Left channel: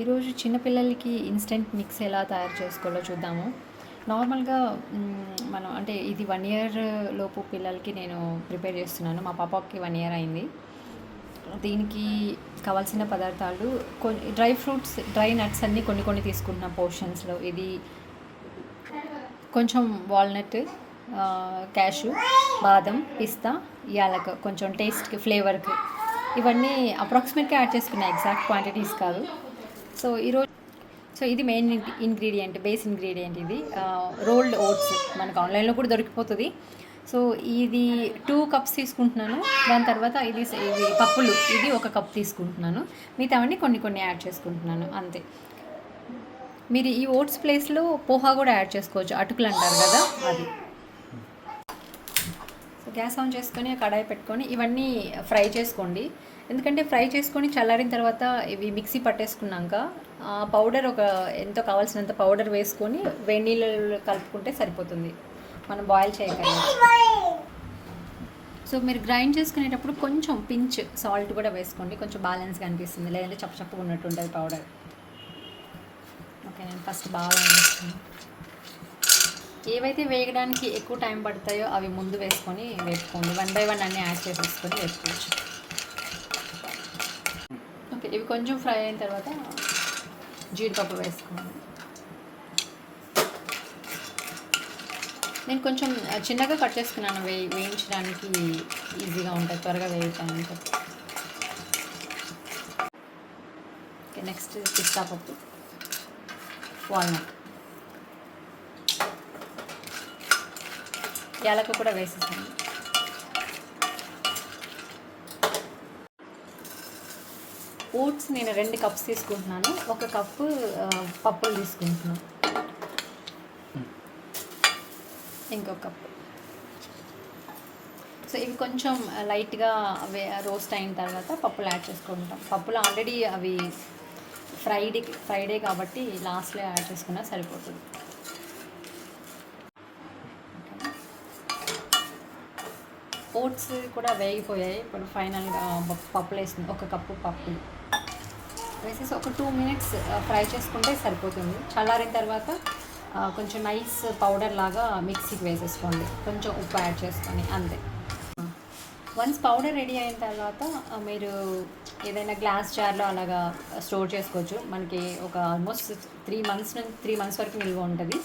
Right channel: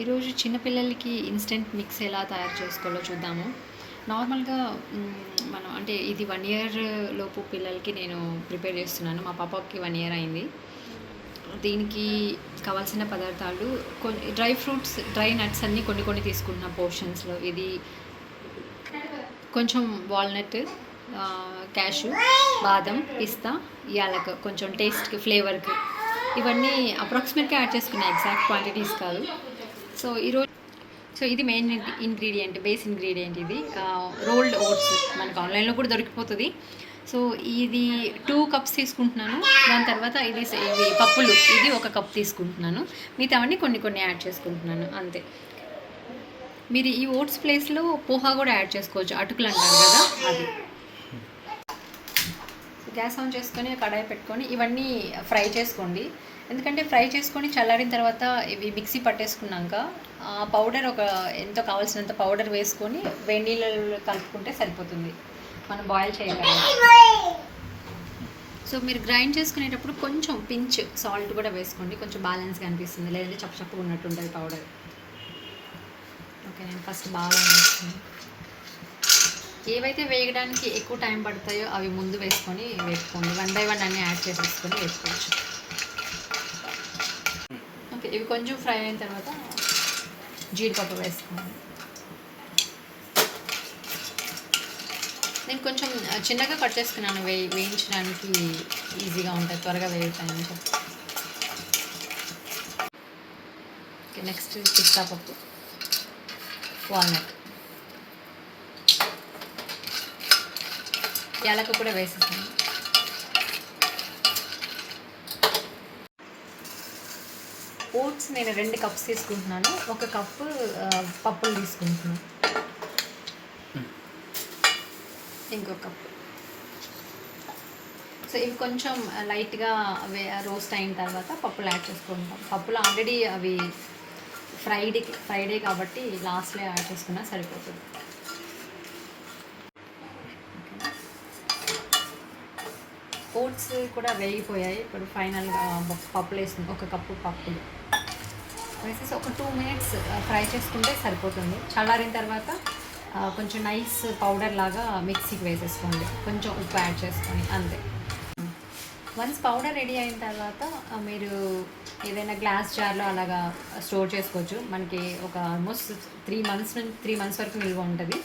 ఈరోజు చిన్నపిల్లలకి instant mix ఎలా తయారు చేసుకోవాలో చూద్దాము. నార్మల్గా మనం అంటే ఇది వన్ ఇయర్ లోపు పిల్లలకి నేను ప్రిపేర్ చేస్తున్నాను. మా పాపకి వన్ ఇయర్ అయింది. దీనికి కావాల్సిన పదార్థాలు కొన్ని డ్రై ఫ్రూట్స్ డ్రై నట్స్ అన్నీ కొన్ని కొన్ని తీసుకుంటున్న పోర్షన్స్లో ఇది కొంచెం వాల్నట్ క్యాషు బాదం పిస్తా యాలక్ కొంచెం టేస్ట్కి ఫ్లేవర్కి ఇవన్నీ అప్రాక్సిమేట్గా యాడ్ చేసుకున్నాయి ఎగ్జాక్ట్ క్వాంటిటీస్ కాదు. సో ఈరోజు సో ఇది మెయిన్ ఇంగ్రీడియంట్ బేస్ ఇంగ్రీడియంట్ ఇది. రోల్డ్ ఓట్స్ మనకు ఆన్లైన్లో కూడా దొరికిపోతుంది. సో ఇది టూ కప్స్ తీసుకుంటున్నాను. దాని తర్వాత ఇది ఇది పప్పులు. ఇది ఒక కప్ తీసుకుంటున్నాను. మిగతావన్నీ కొన్ని కొన్ని యాడ్ చేసుకుంటున్నాను. అంతే. మీరు ఈ ఓట్స్ ప్లేస్లో పోహా కూడా యాడ్ చేసుకోవచ్చు. అటుకులు అంటారు కదా అది. గ్యాస్ ఆన్ చేసుకొని కడాయి పెట్టుకొని ఇవన్నీ ఫ్రై చేసుకోండి. ఎందుకంటే ఫ్రై చేసుకొని చల్లారిన తర్వాత ఇవి మిక్సీ పట్టేసుకున్నాక పౌడర్ ఒక ఎంతో కావాల్సినంత పౌడర్ వేసుకొని వేడి నీళ్ళు కలుపుకుంటే సరిపోతుంది. మనం బాయిల్ చేయగలం. సో మీరు గ్రైండ్ చేసుకునేటప్పుడు కొంచెం పించ్ సాల్ట్ కూడా వేసుకోండి. కొంచెం బ్యాలెన్స్గా అనిపిస్తుంది. లేదంటే చప్పచప్పగా ఉన్నట్టు ఉంటుంది పౌడర్. ఓకే నేను ఫస్ట్ బాగా వేస్తాను ఏవైతే వేయడానికి ఎక్కువ టైం పడతాయో అవి ముందు వేసుకొని వేసుకోండి. వన్ బై వన్ అన్నీ యాడ్ చేసేసుకొని వేసుకోవచ్చు. ఓకే ఇవి కొంచెం ఫ్రై అయిన తర్వాత జీడిపప్పు వేసుకోండి. నేను కొంచెం చిన్నగా కట్ చేసుకున్నాను. వే వేయించడానికి ఈజీగా ఉంటుంది త్వరగా వేయటానికి ఓకే నెక్స్ట్ పిస్తా పప్పు. వాల్నట్. యాలక కూడా వేసేసాను. ఓట్స్ నేను రెండు కప్స్ తీసుకుంటున్నాను. ఒక కప్పు పప్పులు తీసుకుంటున్నాను. ఇంకొక కప్ సో ఇవి కొంచెం లైట్గా అవే రోస్ట్ అయిన తర్వాత పప్పులు యాడ్ చేసుకుంటాం. పప్పులు ఆల్రెడీ అవి ఫ్రైడే ఫ్రైడే కాబట్టి లాస్ట్లో యాడ్ చేసుకున్నా సరిపోతుంది. ఓట్స్ కూడా వేగిపోయాయి. ఇప్పుడు ఫైనల్గా పప్పులు వేసింది ఒక కప్పు పప్పులు వేసేసి ఒక టూ మినిట్స్ ఫ్రై చేసుకుంటే సరిపోతుంది. చల్లారిన తర్వాత కొంచెం నైస్ పౌడర్ లాగా మిక్సీకి వేసేసుకోండి. కొంచెం ఉప్పు యాడ్ చేసుకొని అంతే. వన్స్ పౌడర్ రెడీ అయిన తర్వాత మీరు ఏదైనా గ్లాస్ జార్లో అలాగా స్టోర్ చేసుకోవచ్చు. మనకి ఒక ఆల్మోస్ట్ త్రీ మంత్స్ నుంచి త్రీ మంత్స్ వరకు నిల్వ ఉంటుంది.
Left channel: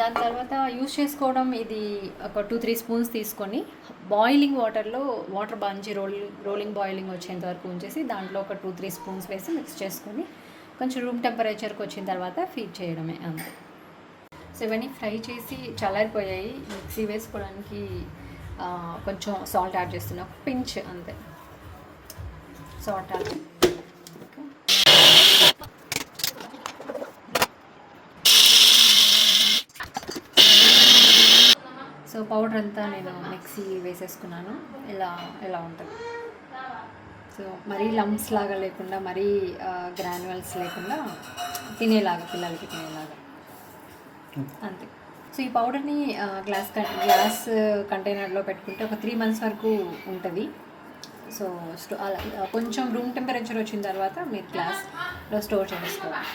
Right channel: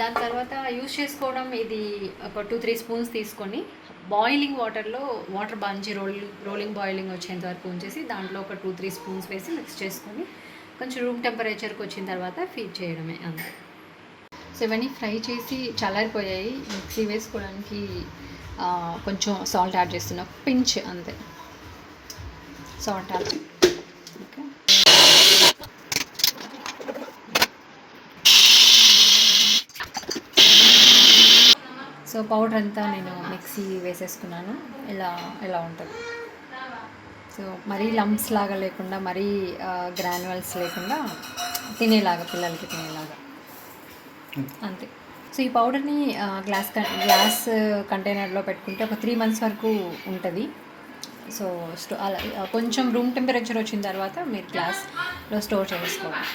దాని తర్వాత యూస్ చేసుకోవడం ఇది ఒక టూ త్రీ స్పూన్స్ తీసుకొని బాయిలింగ్ వాటర్లో వాటర్ బాంచి రోలింగ్ రోలింగ్ బాయిలింగ్ వచ్చేంత వరకు ఉంచేసి దాంట్లో ఒక టూ త్రీ స్పూన్స్ వేసి మిక్స్ చేసుకొని కొంచెం రూమ్ టెంపరేచర్కి వచ్చిన తర్వాత ఫీడ్ చేయడమే అంతే. సో ఇవన్నీ ఫ్రై చేసి చల్లారిపోయాయి. మిక్సీ వేసుకోవడానికి కొంచెం సాల్ట్ యాడ్ చేస్తున్నా. పించ్ అంతే. సాల్ట్ యాడ్ సో పౌడర్ అంతా నేను మిక్సీ వేసేసుకున్నాను. ఇలా ఇలా ఉంటుంది? సో మరీ లంప్స్ లాగా లేకుండా మరీ గ్రాన్యువల్స్ లేకుండా తినేలాగా పిల్లలకి తినేలాగా. అంతే. సో ఈ పౌడర్ని గ్లాస్ గ్లాస్ కంటైనర్లో పెట్టుకుంటే ఒక త్రీ మంత్స్ వరకు ఉంటుంది. సో స్టో అలా కొంచెం రూమ్ టెంపరేచర్ వచ్చిన తర్వాత మీరు గ్లాస్లో స్టోర్ చేసుకోవాలి.